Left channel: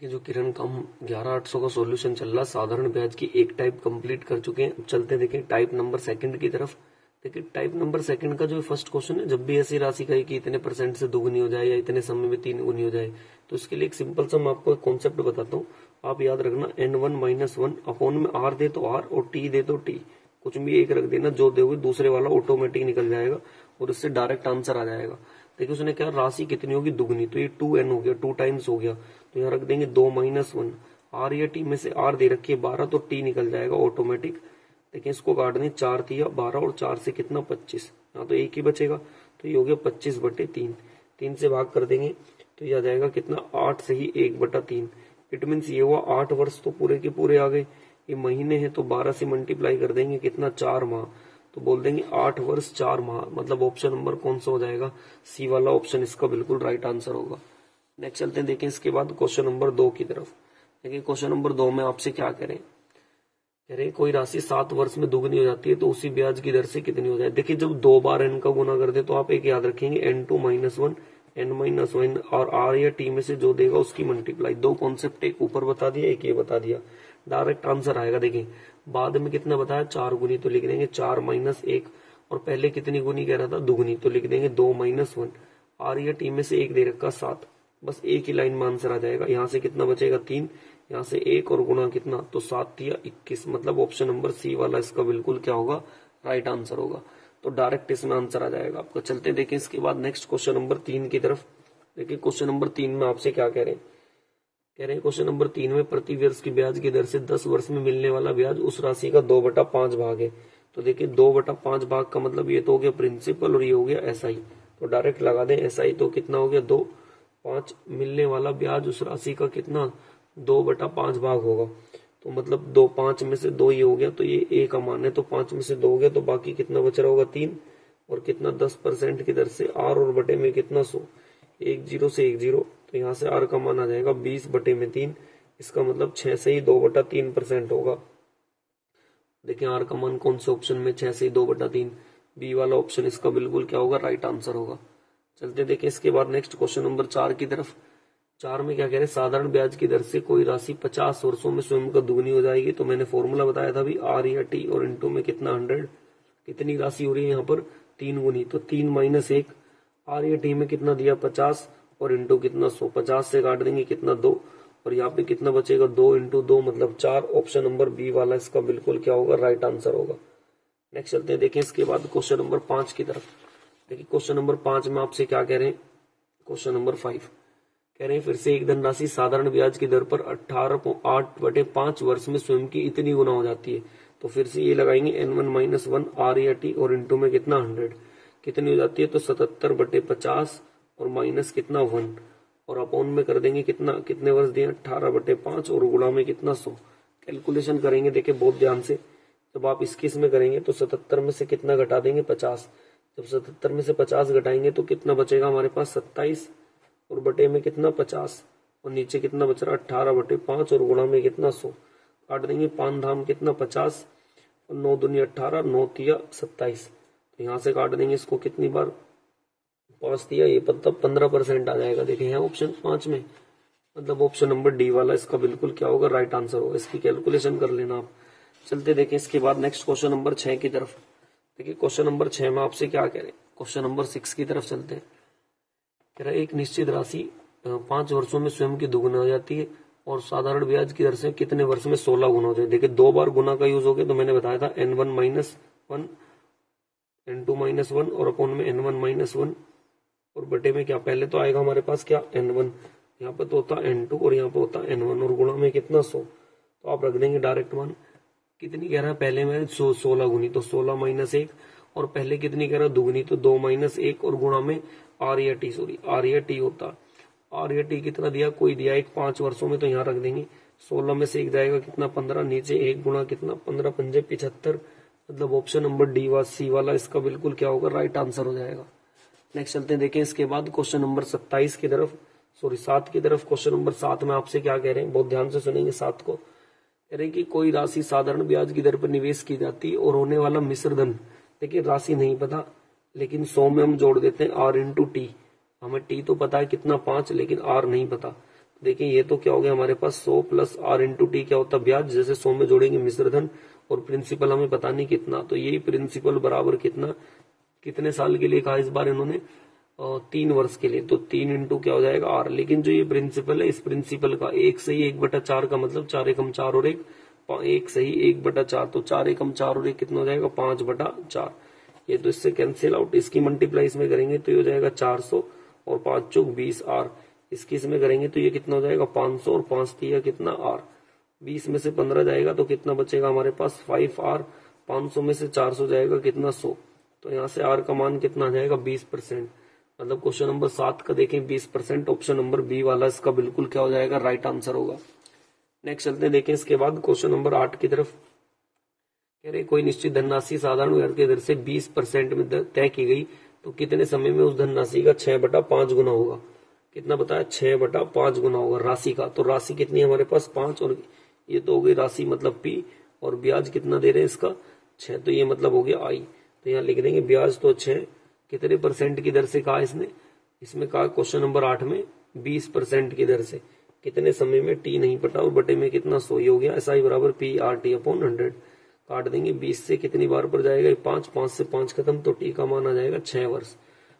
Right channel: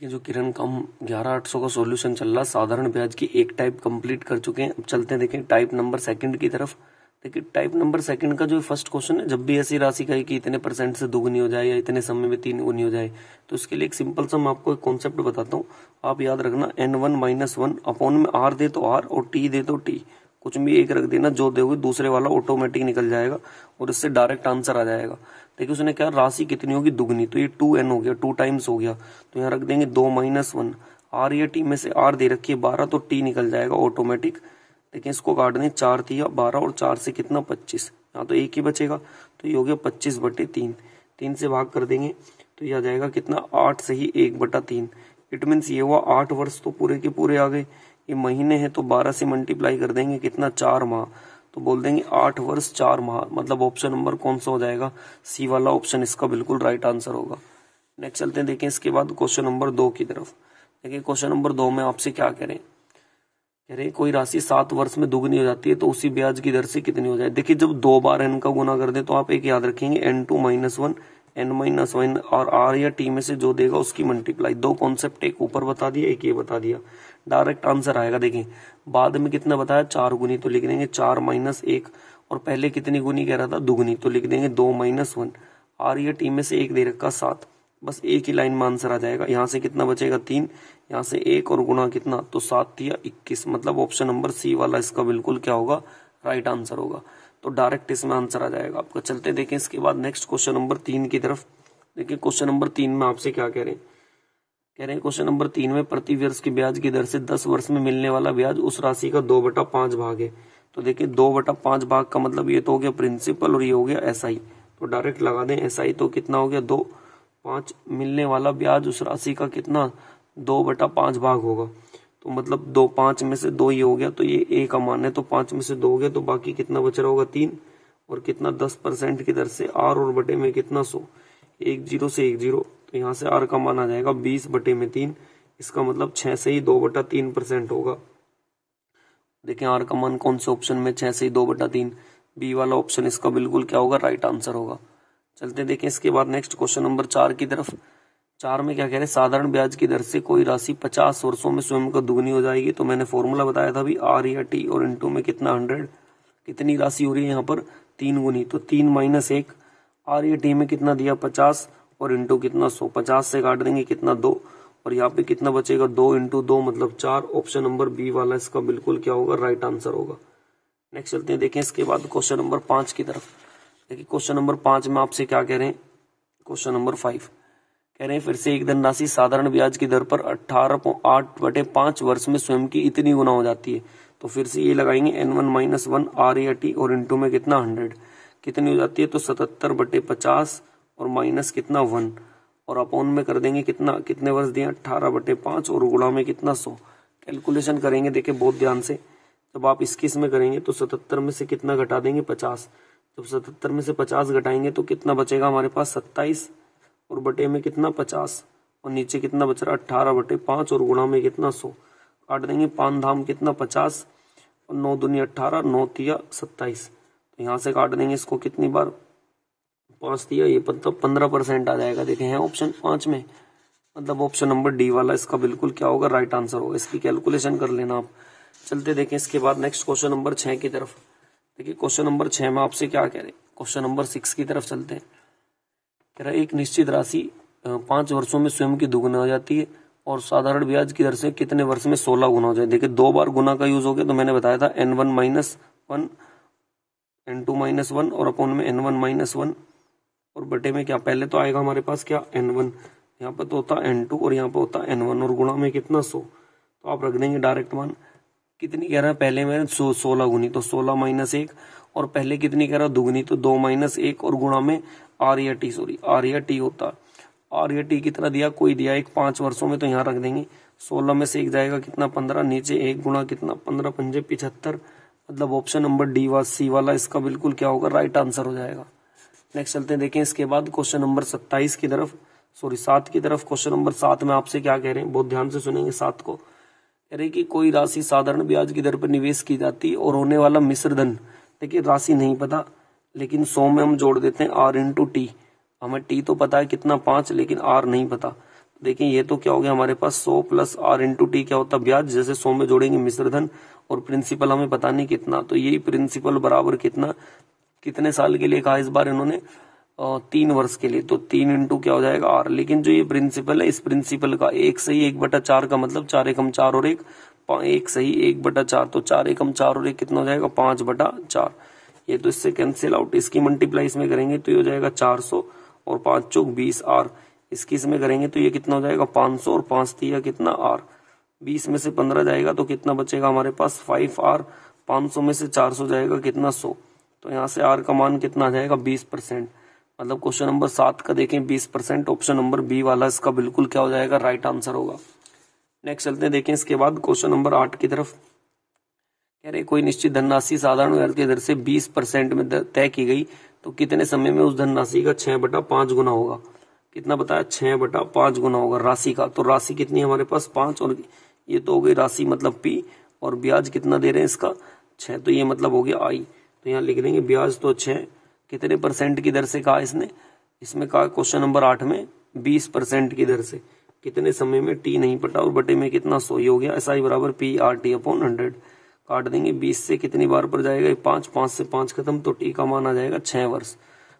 कि जो किरण का हम 11800 का सॉल्यूशन चल रहा, साधारण ब्याज की एक टाइप कंप्लीट कर चुके हैं। अब चलते हैं देखें टाइप नंबर सेकंड की तरफ। देखिए टाइप नंबर सेकंड का जो फर्स्ट क्वेश्चन है, जब भी ऐसी राशि कहे कि इतने परसेंट से दोगुनी हो जाए या इतने समय में 3 गुनी हो जाए, तो इसके लिए एक सिंपल सा मैं आपको एक कॉन्सेप्ट बताता हूँ। आप याद रखना, n1 - 1 अपॉन में r दे तो r और t दे तो t, कुछ भी एक रख देना, जो दोगे दूसरे वाला ऑटोमेटिक निकल जाएगा और इससे डायरेक्ट आंसर आ जाएगा। देखिए उसने क्या, राशि कितनी होगी, दुगनी, तो ये 2n हो गया, 2 टाइम्स हो गया, तो यहाँ रख देंगे 2 - 1, r या t में से r दे रखी है 12, तो t निकल जाएगा ऑटोमेटिक। देखिए इसको काट दें, 4 तिया 12 और 4 से कितना 25, यहाँ तो एक ही बचेगा, तो ये हो गया 25/3। 3 से भाग कर देंगे तो ये आ जाएगा कितना, 8 से ही 1/3। इट मीन्स ये हुआ 8 वर्ष तो पूरे के पूरे आ गए। ये महीने हैं तो 12 से मल्टीप्लाई कर देंगे, कितना, 4 माह, तो बोल देंगे 8 वर्ष 4 माह। मतलब ऑप्शन नंबर कौन सा हो जाएगा, सी वाला ऑप्शन इसका बिल्कुल राइट आंसर होगा। नेक्स्ट चलते हैं, देखें इसके बाद क्वेश्चन नंबर 2 की तरफ। देखिए क्वेश्चन नंबर 2 में आपसे क्या कह रहे हैं, कोई राशि 7 वर्ष में दुगनी हो जाती है तो उसी ब्याज की दर से कितनी हो जाए। देखिए जब 2 बार n का गुना कर दे तो आप एक याद रखेंगे, n2 - 1 n - 1 और r या t में से जो देगा उसकी मल्टीप्लाई। दो कॉन्सेप्ट, एक ऊपर बता दिया, एक ये बता दिया, डायरेक्ट आंसर आएगा। देखिए बाद में कितना बताया, 4 गुनी, तो लिख देंगे 4 - 1, और पहले कितनी गुनी कह रहा था, दुगनी, तो लिख देंगे 2 - 1, r या t में से एक दे रखा 7, बस एक ही लाइन में आंसर आ जाएगा। यहाँ से कितना बचेगा, 3, यहाँ से 1 और गुना कितना, तो 7 या 21। मतलब ऑप्शन नंबर सी वाला इसका बिल्कुल क्या होगा, राइट आंसर होगा। तो डायरेक्ट इसमें आंसर आ जाएगा आपका। चलते देखें इसके बाद नेक्स्ट क्वेश्चन नंबर 3 की तरफ। देखिए क्वेश्चन नंबर 3 में आपसे क्या कह रहे हैं, क्वेश्चन नंबर 3 में प्रति वर्ष की ब्याज की दर से 10 वर्ष में मिलने वाला ब्याज उस राशि का 2/5 भाग है। तो देखिए 2/5 भाग का मतलब ये तो हो गया प्रिंसिपल और ये हो गया SI, तो डायरेक्ट लगा दें SI, तो कितना हो गया 2/5, मिलने वाला ब्याज उस राशि का कितना, 2/5 भाग होगा, तो मतलब 2, 5 में से 2 ही हो गया, तो ये A का मान है, तो 5 में से 2 हो गया, तो बाकी कितना बच रहा होगा, 3, और कितना 10% की दर से R और बटे में कितना 100, 1 0 से 1 0, तो यहाँ से R का मान आ जाएगा 20/3। इसका मतलब 6 से ही 2/3% होगा। देखें R का मान कौन से ऑप्शन में, 6 से ही 2/3, बी वाला ऑप्शन इसका बिल्कुल क्या होगा, राइट आंसर होगा। चलते देखें इसके बाद नेक्स्ट क्वेश्चन नंबर 4 की तरफ। 4 में क्या कह रहे हैं, साधारण ब्याज की दर से कोई राशि 50 वर्षों में स्वयं को दुगनी हो जाएगी। तो मैंने फॉर्मूला बताया था अभी, R या T और इनटू में कितना 100, कितनी राशि हो रही है यहाँ पर, 3 गुनी, तो 3 - 1, R या T में कितना दिया 50 और इनटू कितना 100, 50 से काट देंगे कितना 2, और यहाँ पे कितना बचेगा 2 × 2 मतलब 4। ऑप्शन नंबर बी वाला इसका बिल्कुल क्या होगा, राइट आंसर होगा। नेक्स्ट चलते हैं, देखें इसके बाद क्वेश्चन नंबर 5 की तरफ। देखिए क्वेश्चन नंबर 5 में आपसे क्या कह रहे हैं, क्वेश्चन नंबर 5 कह रहे हैं, फिर से एक धनराशि साधारण ब्याज की दर पर 8/5 वर्ष में स्वयं की इतनी गुना हो जाती है। तो फिर से ये लगाएंगे n1 - 1 R या T और इनटू में कितना 100, कितनी हो जाती है, तो 77/50 और माइनस कितना 1, और अपॉन में कर देंगे कितना, कितने वर्ष दिए 18/5 और गुणा में कितना 100। कैलकुलेशन करेंगे, देखिए बहुत ध्यान से, जब आप इसमें करेंगे तो 77 में से कितना घटा देंगे 50, जब 77 में से 50 घटाएंगे तो कितना बचेगा हमारे पास 27, और बटे में कितना 50, और नीचे कितना बच रहा 18/5 और गुणा में कितना 100। काट देंगे 5 धाम कितना 50 और 9 दूनी 18, 9 तिया 27, तो यहाँ से काट देंगे इसको कितनी बार, 5 तिया, ये मतलब 15% आ जाएगा। देखें है ऑप्शन 5 में, मतलब ऑप्शन नंबर डी वाला इसका बिल्कुल क्या होगा, राइट आंसर होगा। इसकी कैलकुलेशन कर लेना आप। चलते देखें इसके बाद नेक्स्ट क्वेश्चन नंबर 6 की तरफ। देखिए क्वेश्चन नंबर 6 में आपसे क्या कह रहे हैं, क्वेश्चन नंबर 6 की तरफ चलते हैं। कह रहा है एक निश्चित राशि 5 वर्षों में स्वयं की दुगुना हो जाती है और साधारण ब्याज की दर से कितने वर्ष में 16 गुना हो जाए। देखिए 2 बार गुना का यूज हो गया, तो मैंने बताया था n1 - 1 n2 - 1 और अपॉन में n1 - 1 और बटे में क्या, पहले तो आएगा हमारे पास क्या n1, यहाँ पर तो होता n2 और यहाँ पर होता n1 और गुणा में कितना 100, तो आप रख देंगे डायरेक्ट मान। कितनी कह रहा है, पहले मैंने 16 गुनी, तो 16 - 1, और पहले कितनी कह रहा है दुगनी, तो 2 - 1 और गुणा में R या T होता, R या T कितना दिया, कोई दिया एक 5 वर्षों में, तो यहाँ रख देंगे 16 में से 1 जाएगा कितना 15, नीचे 1 गुणा कितना 15 × 5 = 75। मतलब ऑप्शन नंबर डी सी वाला इसका बिल्कुल क्या होगा, राइट आंसर हो जाएगा। नेक्स्ट चलते हैं, देखें इसके बाद क्वेश्चन नंबर 27 की तरफ, 7 की तरफ। क्वेश्चन नंबर 7 में आपसे क्या कह रहे हैं, बहुत ध्यान से सुनेंगे 7 को। कह रहे कि कोई राशि साधारण ब्याज की दर पर निवेश की जाती है और होने वाला मिश्र धन, देखिए राशि नहीं पता, लेकिन 100 में हम जोड़ देते हैं R × T। हमें T तो पता है कितना 5, लेकिन R नहीं पता। देखिए ये तो क्या हो गया हमारे पास 100 प्लस आर इंटू टी क्या होता है ब्याज, जैसे 100 में जोड़ेंगे मिश्रधन और प्रिंसिपल हमें पता नहीं कितना, तो यही प्रिंसिपल बराबर कितना, कितने साल के लिए कहा इस बार इन्होंने 3 वर्ष के लिए, तो 3 इंटू क्या हो जाएगा आर। लेकिन जो ये प्रिंसिपल है इस प्रिंसिपल का 1 सही 1/4 का मतलब 4 एकम 4 और 1 सही 1/4, तो 4 एकम 4 और 1 कितना हो जाएगा 5/4। ये तो इससे कैंसिल आउट, इसकी मल्टीप्लाई इसमें करेंगे तो ये हो जाएगा 400 और 5 चौक 20 आर, इसकी इसमें करेंगे तो ये कितना हो जाएगा 500 और 5 तिया कितना आर, 20 में से 15 जाएगा तो कितना बचेगा हमारे पास 5 आर, 500 में से 400 जाएगा कितना 100, तो यहाँ से आर का मान कितना आ जाएगा 20%। मतलब क्वेश्चन नंबर 7 का देखें 20%, ऑप्शन नंबर बी वाला इसका बिल्कुल क्या हो जाएगा राइट आंसर होगा। नेक्स्ट चलते हैं देखें इसके बाद क्वेश्चन नंबर 8 की तरफ। कह रहे कोई निश्चित धनराशि साधारण ब्याज की दर से 20% में तय की गई तो कितने समय में उस धनराशि का 6/5 गुना होगा। कितना बताया 6/5 गुना होगा राशि का, तो राशि कितनी है हमारे पास 5 और ये तो हो गई राशि मतलब पी, और ब्याज कितना दे रहे हैं इसका 6, तो ये मतलब हो गया आई, तो यहाँ लिख देंगे ब्याज तो 6 कितने % की दर से कहा इसमें कहा क्वेश्चन नंबर 8 में 20% की दर से, कितने समय में टी नहीं पता और बटे में कितना 100 हो गया, ऐसा ही बराबर पी आर टी अपॉन 100 काट देंगे, 20 से कितनी बार पर जाएगा 5, 5 से 5 खत्म, तो टी का मान आ जाएगा 6 वर्ष।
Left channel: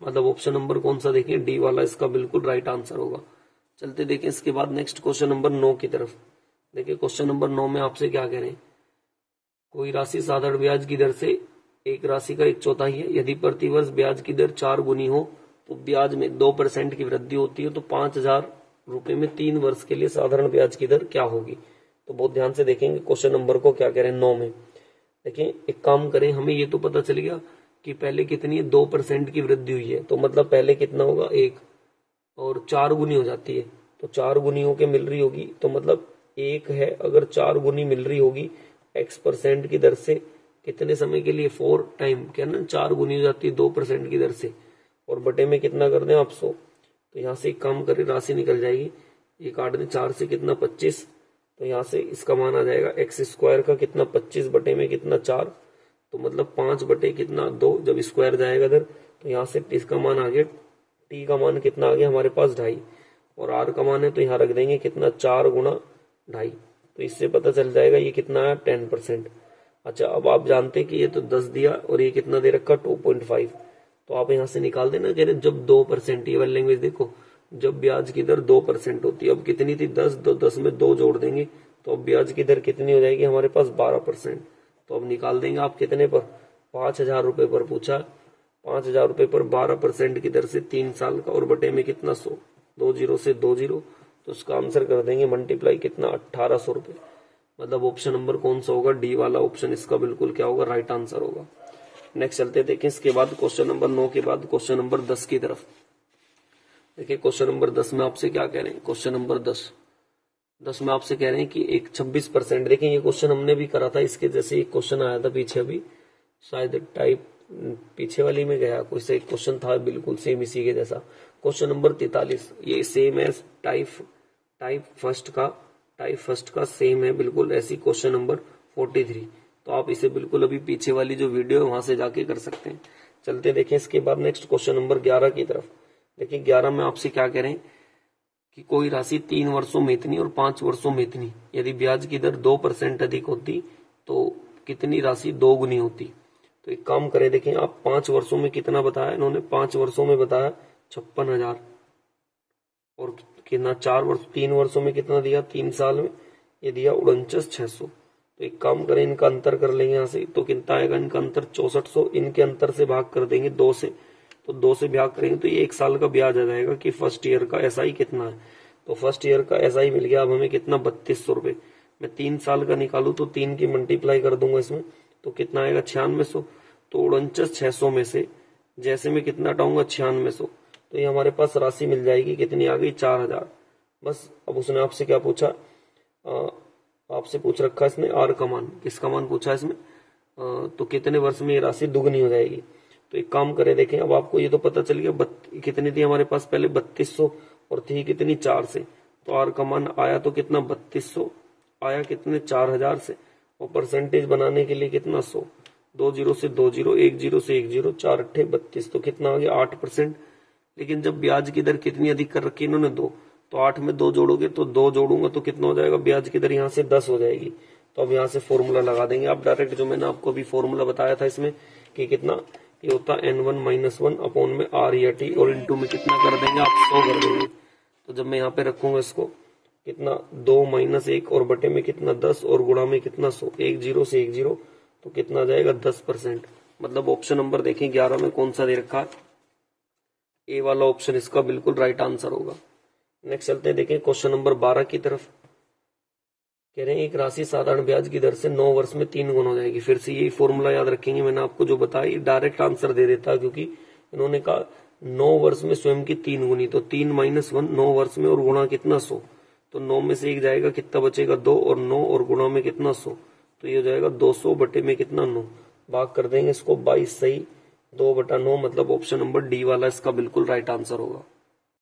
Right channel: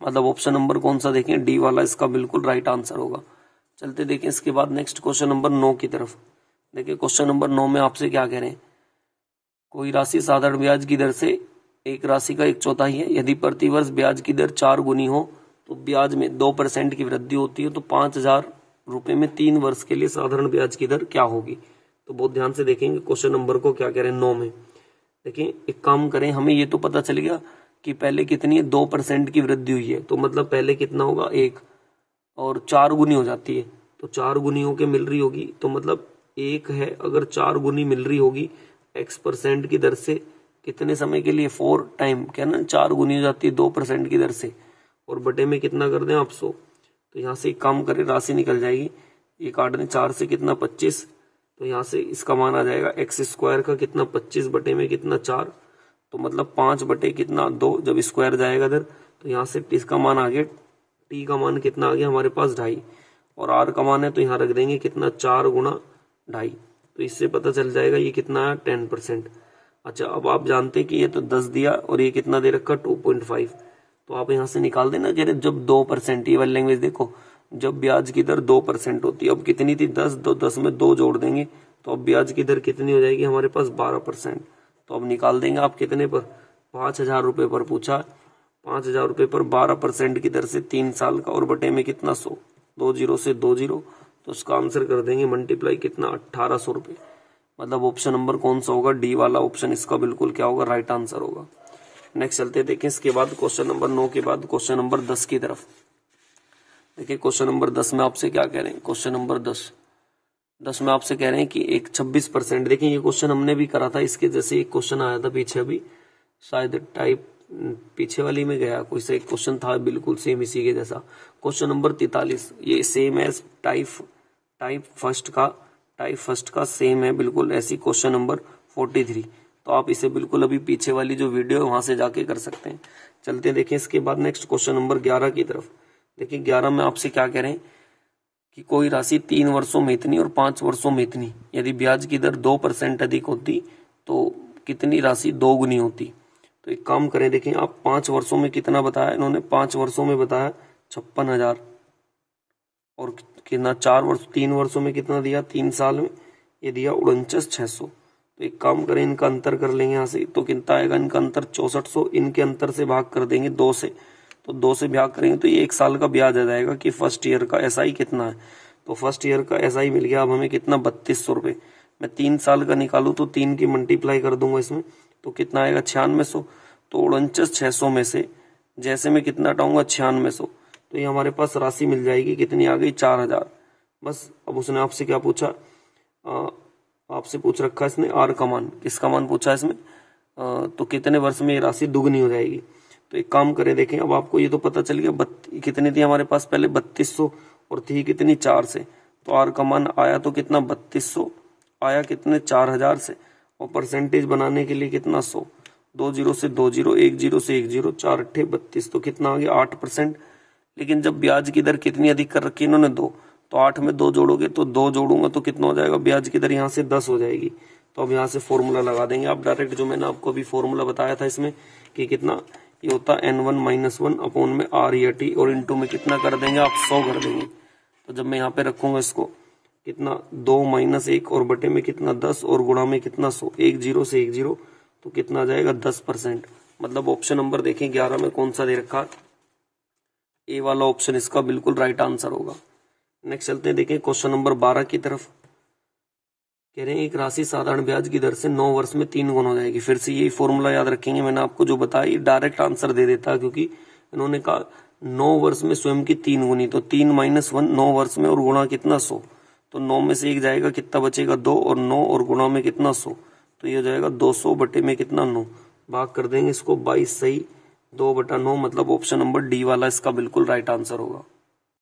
मतलब ऑप्शन नंबर कौन सा देखें डी वाला इसका बिल्कुल राइट आंसर होगा। चलते देखें इसके बाद नेक्स्ट क्वेश्चन नंबर 9 की तरफ। देखिए क्वेश्चन नंबर 9 में आपसे क्या कह रहे हैं, कोई राशि साधारण ब्याज की दर से एक राशि का 1/4 है, यदि प्रतिवर्ष ब्याज की दर 4 गुनी हो तो ब्याज में 2% की वृद्धि होती है, तो 5,000 रुपए में 3 वर्ष के लिए साधारण ब्याज की दर क्या होगी। तो बहुत ध्यान से देखेंगे क्वेश्चन नंबर को क्या कह रहे हैं 9 में। देखिए एक काम करें, हमें ये तो पता चल गया कि पहले कितनी है 2% की वृद्धि हुई है, तो मतलब पहले कितना होगा 1 और 4 गुनी हो जाती है, तो 4 गुनी होके मिल रही होगी, तो मतलब 1 है अगर 4 गुनी मिल रही होगी x% की दर से कितने समय के लिए 4 टाइम, क्या ना 4 गुनी हो जाती है 2% की दर से, और बटे में कितना कर दें आप 100, तो यहाँ से एक काम करें राशि निकल जाएगी, ये काट दें 4 से कितना 25, तो यहाँ से इसका मान आ जाएगा x² का कितना 25 बटे में कितना 4, तो मतलब 5 बटे कितना 2, जब स्क्वायर जाएगा इधर तो यहाँ से इसका मान आ गया, टी का मान कितना आ गया हमारे पास 2.5, और आर का मान है तो यहाँ रख देंगे कितना 4 गुना 2.5, तो इससे पता चल जाएगा ये कितना है 10%। अच्छा अब आप जानते हैं कि ये तो 10 दिया और ये कितना दे रखा 2.5, तो आप यहाँ से निकाल देना, कह रहे जब 2%, ये वाली लैंग्वेज देखो, जब ब्याज की दर 2% होती है, अब कितनी थी 10, 10 में 2 जोड़ देंगे तो अब ब्याज की दर कितनी हो जाएगी हमारे पास 12%, तो अब निकाल देंगे आप कितने पर 5,000 रुपए पर पूछा, 5,000 रुपए पर 12% की दर से 3 साल का, और बटे में कितना 100, 2 0 से 2 0, तो उसका आंसर कर देंगे मल्टीप्लाई कितना 1,800 रुपए। मतलब ऑप्शन नंबर कौन सा होगा डी वाला ऑप्शन इसका बिल्कुल क्या होगा राइट आंसर होगा। नेक्स्ट चलते देखें इसके बाद क्वेश्चन नंबर 9 के बाद क्वेश्चन नंबर 10 की तरफ। देखिए क्वेश्चन नंबर 10 में आपसे क्या कह रहे हैं, क्वेश्चन नंबर 10 में आपसे कह रहे हैं कि एक 26%, देखिए ये क्वेश्चन हमने भी करा था, इसके जैसे एक क्वेश्चन आया था पीछे, अभी शायद टाइप पीछे वाली में गया कोई सा एक क्वेश्चन था बिल्कुल सेम इसी के जैसा, क्वेश्चन नंबर 43, ये सेम एज टाइप फर्स्ट का सेम है बिल्कुल ऐसी क्वेश्चन नंबर 43, तो आप इसे बिल्कुल अभी पीछे वाली जो वीडियो है वहां से जाके कर सकते हैं। चलते देखें इसके बाद नेक्स्ट क्वेश्चन नंबर 11 की तरफ। देखिए 11 में आपसे क्या कह रहे हैं कि कोई राशि 3 वर्षों में इतनी और 5 वर्षों में इतनी, यदि ब्याज की दर 2% अधिक होती तो कितनी राशि 2 गुनी होती। तो एक काम करें, देखें आप 5 वर्षों में कितना बताया इन्होंने, 5 वर्षों में बताया 56,000, और कितना 3 वर्षों में कितना दिया 3 साल में ये दिया 49,600। तो एक काम करें इनका अंतर कर लेंगे यहाँ से, तो कितना आएगा इनका अंतर 6400, इनके अंतर से भाग कर देंगे 2 से, तो 2 से भाग करेंगे तो ये 1 साल का ब्याज आ जाएगा कि फर्स्ट ईयर का एसआई कितना है, तो फर्स्ट ईयर का एसआई मिल गया अब हमें कितना 3200 रुपए। मैं 3 साल का निकालू तो 3 की मल्टीप्लाई कर दूंगा इसमें, तो कितना आएगा 9600, तो 49,600 में से जैसे मैं कितना हटाऊंगा 9600, तो ये हमारे पास राशि मिल जाएगी कितनी आ गई 4000। बस अब उसने आपसे क्या पूछा, आपसे पूछ रखा इसने आर का मान, किसका मान पूछा इसमें, तो कितने वर्ष में ये राशि दुगनी हो जाएगी। तो एक काम करें, देखें अब आपको ये तो पता चल गया कितनी थी हमारे पास पहले 3200 और थी कितनी 4 से, तो आर का मान आया तो कितना 3200 आया कितने 4000 से, और परसेंटेज बनाने के लिए कितना 100, 2 0 से 2 0, 1 0 से 1 0, 4 8 32, तो कितना आ गया 8%। लेकिन जब ब्याज की दर कितनी अधिक कर रखी इन्होंने 2, तो 8 में 2 जोड़ोगे तो 2 जोड़ूंगा तो कितना हो जाएगा, ब्याज की दर यहाँ से 10 हो जाएगी। तो अब यहाँ से फॉर्मूला लगा देंगे आप डायरेक्ट, जो मैंने आपको अभी फॉर्मूला बताया था इसमें कि कितना ये होता है n1 - 1 अपॉन में r या t, और इंटू में कितना कर देंगे आप 100 कर देंगे। तो जब मैं यहाँ पे रखूंगा इसको कितना 2 - 1 और बटे में कितना 10 और गुणा में कितना 100, 1 0 से 1 0 तो कितना आ जाएगा 10%। मतलब ऑप्शन नंबर देखें 11 में कौन सा दे रखा, ए वाला ऑप्शन इसका बिल्कुल राइट आंसर होगा। नेक्स्ट चलते हैं, देखें क्वेश्चन नंबर 12 की तरफ। कह रहे हैं एक राशि साधारण ब्याज की दर से 9 वर्ष में 3 गुना हो जाएगी। फिर से यही फॉर्मूला याद रखेंगे, मैंने आपको जो बताया डायरेक्ट आंसर दे देता है, क्योंकि इन्होंने कहा 9 वर्ष में स्वयं की 3 गुनी, तो 3 - 1 9 वर्ष में और गुणा कितना 100, तो 9 में से 1 जाएगा कितना बचेगा 2 और 9 और गुणा में कितना 100, तो ये हो जाएगा 200 बटे में कितना 9, भाग कर देंगे इसको 22 सही 2/9, मतलब ऑप्शन नंबर डी वाला इसका बिल्कुल राइट आंसर होगा।